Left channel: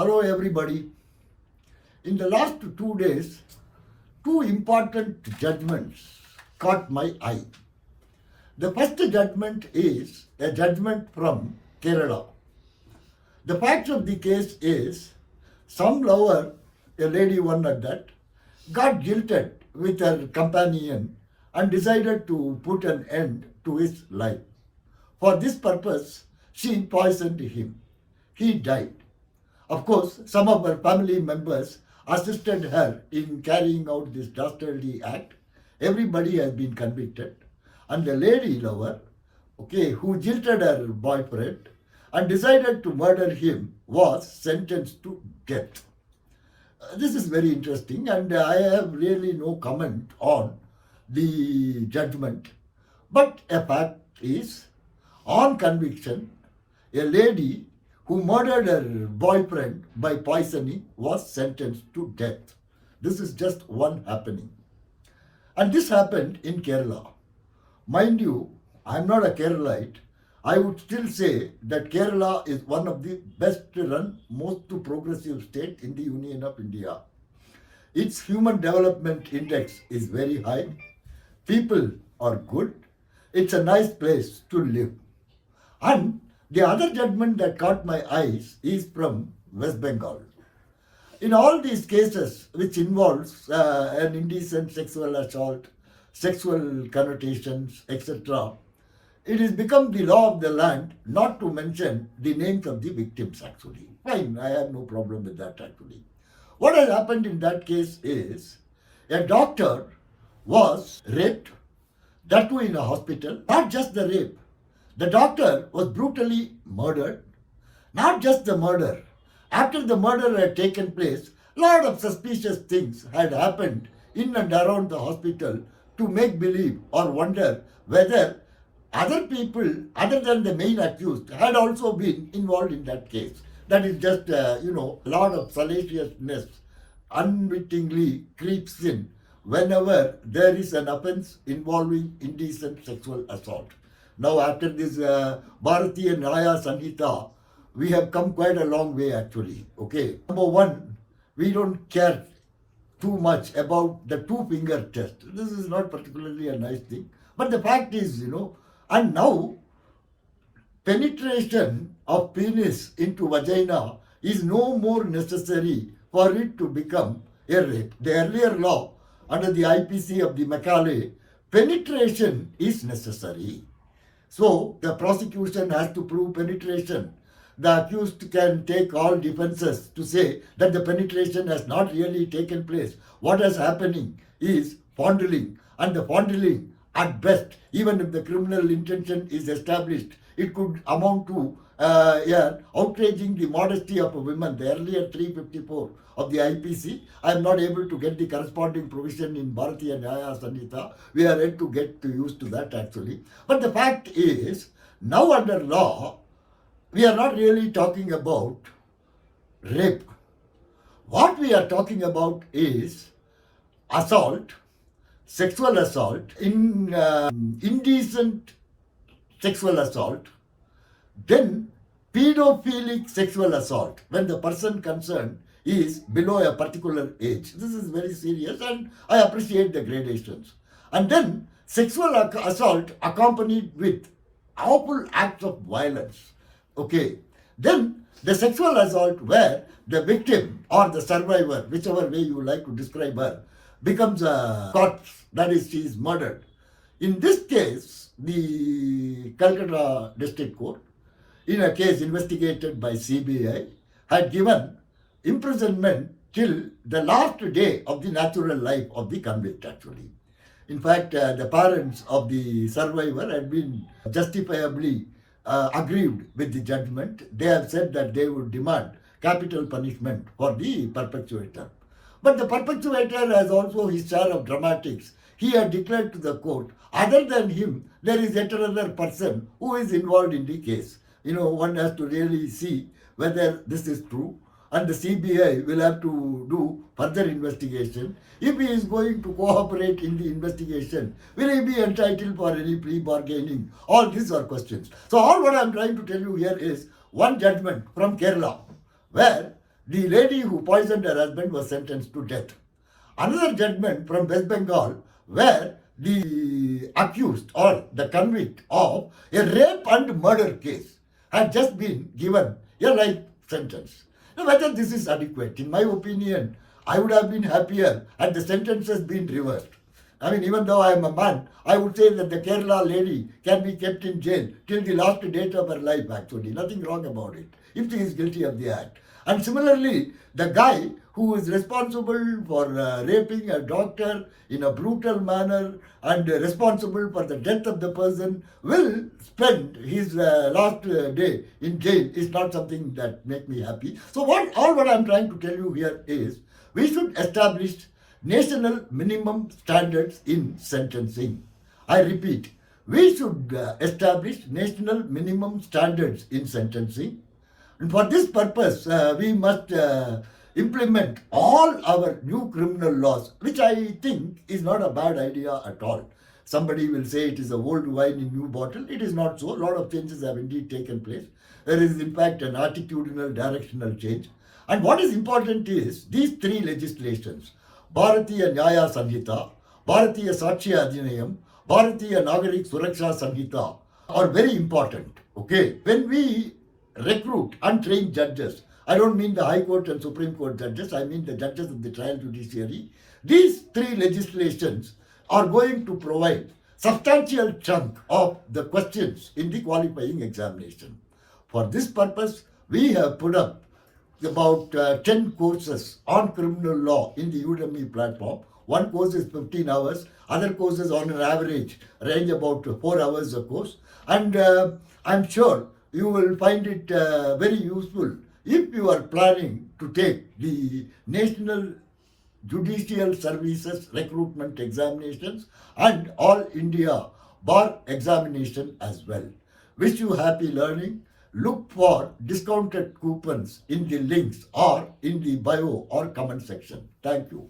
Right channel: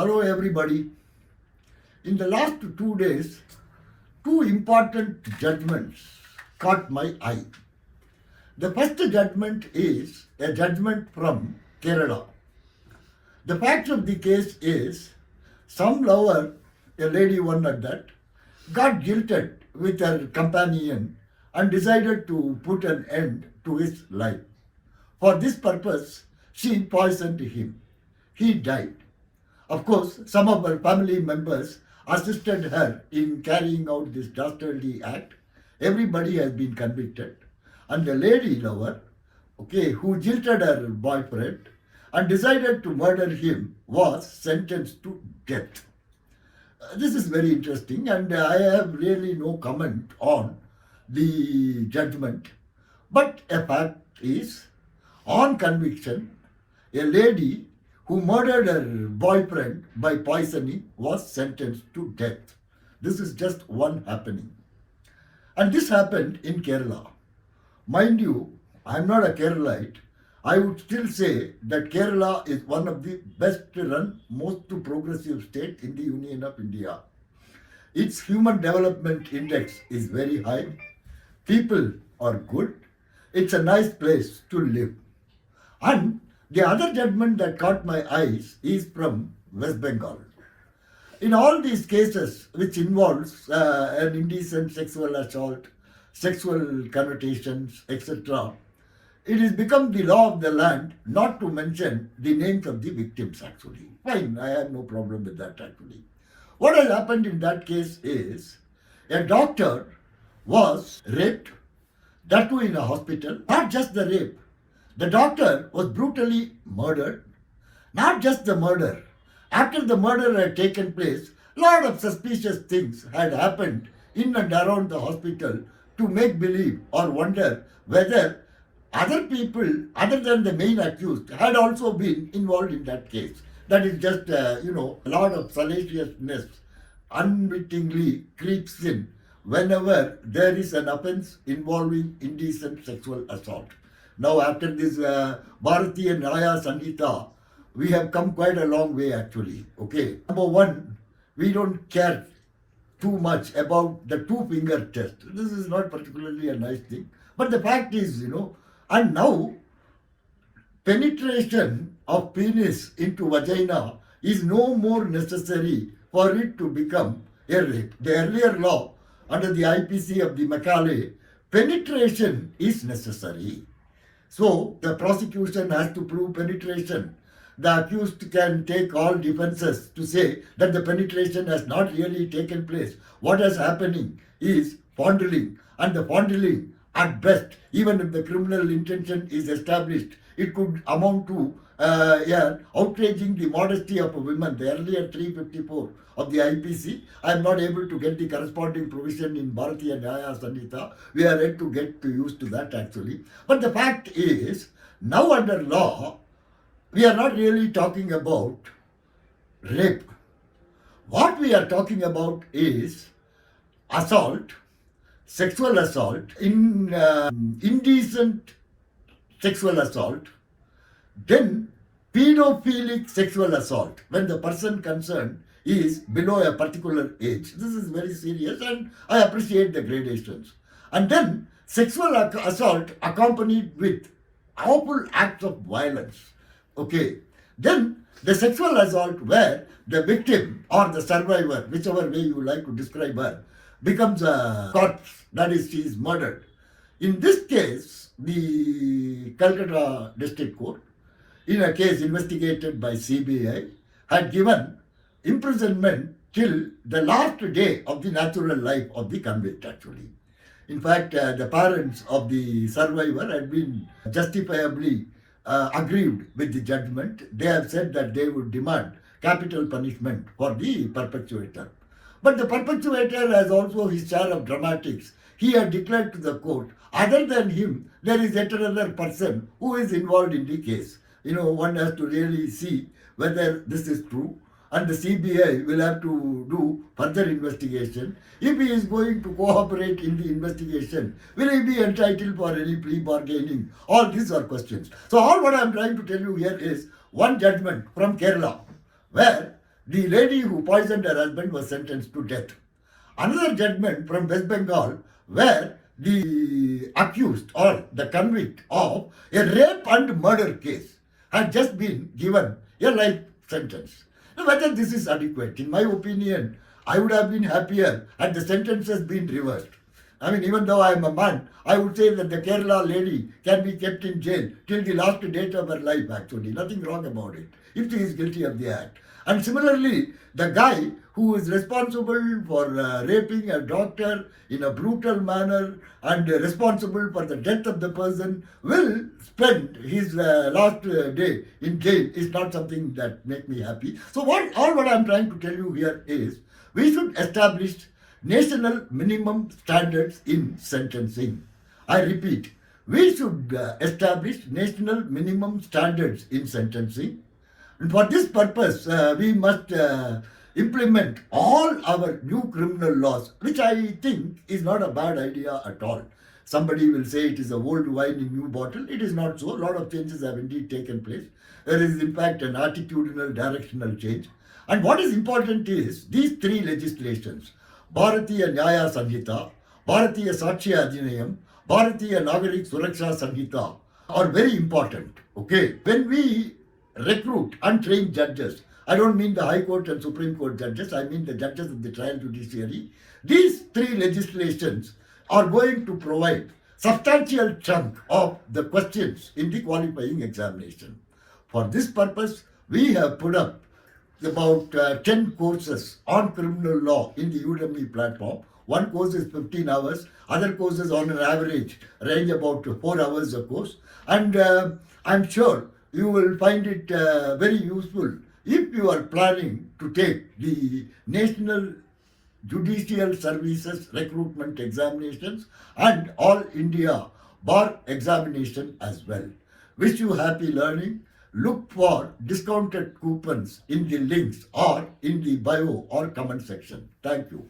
Hello everybody. In the last 2 days, two important judgments caught my eye. The first judgment is a judgment from Kerala. The fact of the case is some lover, a lady one at that, got jilted with her companion and decided to put an end to his life. For this purpose, she poisoned him. He died. Of course, some of her family members assisted her in carrying out this dastardly act. Everybody has been convicted. And the lady lover, who jilted her boyfriend and decided to murder him, was sentenced to death. This is very interesting, and I have really no comment on the judgment. But a fact is, on conviction, a lady who murdered her boyfriend by poisoning was sentenced to death. This is just one happening. And this happened in Kerala. Mind you, I'm not a Keralite. I would still say that Kerala is one of the best run, most progressive state in the Union of India. Its Human Development Index is very high. People are good. It's a nice place to live. And the other judgment that caught my eyes is from West Bengal. In all these cases which involves an indecent sexual assault, sexual connotations, etc., it has become the law of the land not to mention the names of the victims actually. Fine, I have no problem with that actually. What has happened in that case is a doctor was raped, that too in a hospital. Not just the rape. The doctor was brutally murdered. Not just the murder. After the murder had taken place, a lot of suspicious things had happened in and around the hospital to make believe or wonder whether other people other than the main accused had also been involved in that case. That is just, a lot of salaciousness unwittingly creeps in whenever there is an offense involving indecent sexual assault. Now after this Bharatiya, Nyaya, Sanhita, we have come quite a long way actually. Number one, we don't care too much about the two-finger test. This is not particularly a nice thing. But the fact is, and now penetration of penis into vagina is no more necessary for it to become a rape. The earlier law under the IPC of the Macaulay, penetration is necessary. So the prosecution has to prove penetration. The accused can take all defenses to say that the penetration has not really taken place. What is happening is fondling, and the fondling at best, even if the criminal intention is established, it could amount to outraging the modesty of women. The earlier 354 of the IPC, I am not able to get the corresponding provision in Bharatiya, Nyaya, Sanhita. We are yet to get used to that actually. But the fact is, now under law, we are not really talking about rape. What we are talking about is assault, sexual assault, indecent sexual assault, then pedophilic sexual assault when the person concerned is below a particular age. This is very serious and I appreciate the gradations. And then sexual assault accompanied with awful acts of violence. Then the sexual assault where the victim or the survivor, whichever way you like to describe her, becomes a corpse, that is, she is murdered. In this case, the Calcutta District Court, in a case investigated by CBI, had given imprisonment till the last day of the natural life of the convict actually. In fact, the parents of the survivor had been justifiably aggrieved with the judgment. They have said that they would demand capital punishment for the perpetuator. But the perpetuator has also his share of dramatics. He had declared to the court, other than him, there is yet another person who is involved in the case. One has to really see whether this is true. And the CBI will have to do further investigation. If he is going to cooperate in the investigation, will he be entitled for any plea bargaining? All these are questions. So all what I am trying to tell you here is one judgment from Kerala, where the lady who poisoned her husband was sentenced to death. Another judgment from West Bengal where the accused or the convict of a rape and murder case had just been given a life sentence. Now, whether this is adequate, in my opinion, I would have been happier had the sentence has been reversed. I mean, even though I am a man, I would say that the Kerala lady can be kept in jail till the last date of her life, actually. Nothing wrong about it, if she is guilty of the act. And similarly, the guy who is responsible for raping a doctor in a brutal manner and responsible for the death of the person will spend his last day in jail is not something that makes me happy. So what I'm trying to tell you here is we should establish national minimum standards in sentencing. I repeat, we should establish national minimum standards in sentencing. And for this purpose, we must implement all our new criminal laws, which I think is not a bad idea at all. Somebody will say it is a old wine in new bottle. It is not so. A lot of changes have indeed taken place. There is in fact an attitudinal directional change. And what is important is these three legislations, Bharatiya Nyaya Sanhita, Bharatiya Sakshya Adhiniyam, Bharatiya Nagarik Suraksha Sanhita are very important. Okay, when we recruit and train judges, I don't mean the High Court and Supreme Court judges, I mean the judges of the trial judiciary. These three legislations are going to provide substantial chunk of the questions in the qualifying examination. For this purpose, we have put up about 10 courses on criminal law in the Udemy platform. One course is 15 hours, other courses on an average range about 4 hours a course. And I'm sure you will find it very useful if you are planning to take the National Judicial Services Recruitment Examinations and All India Bar Examination as well. Wish you happy learning. Look for discounted coupons in the links or in the bio or comment section. Thank you.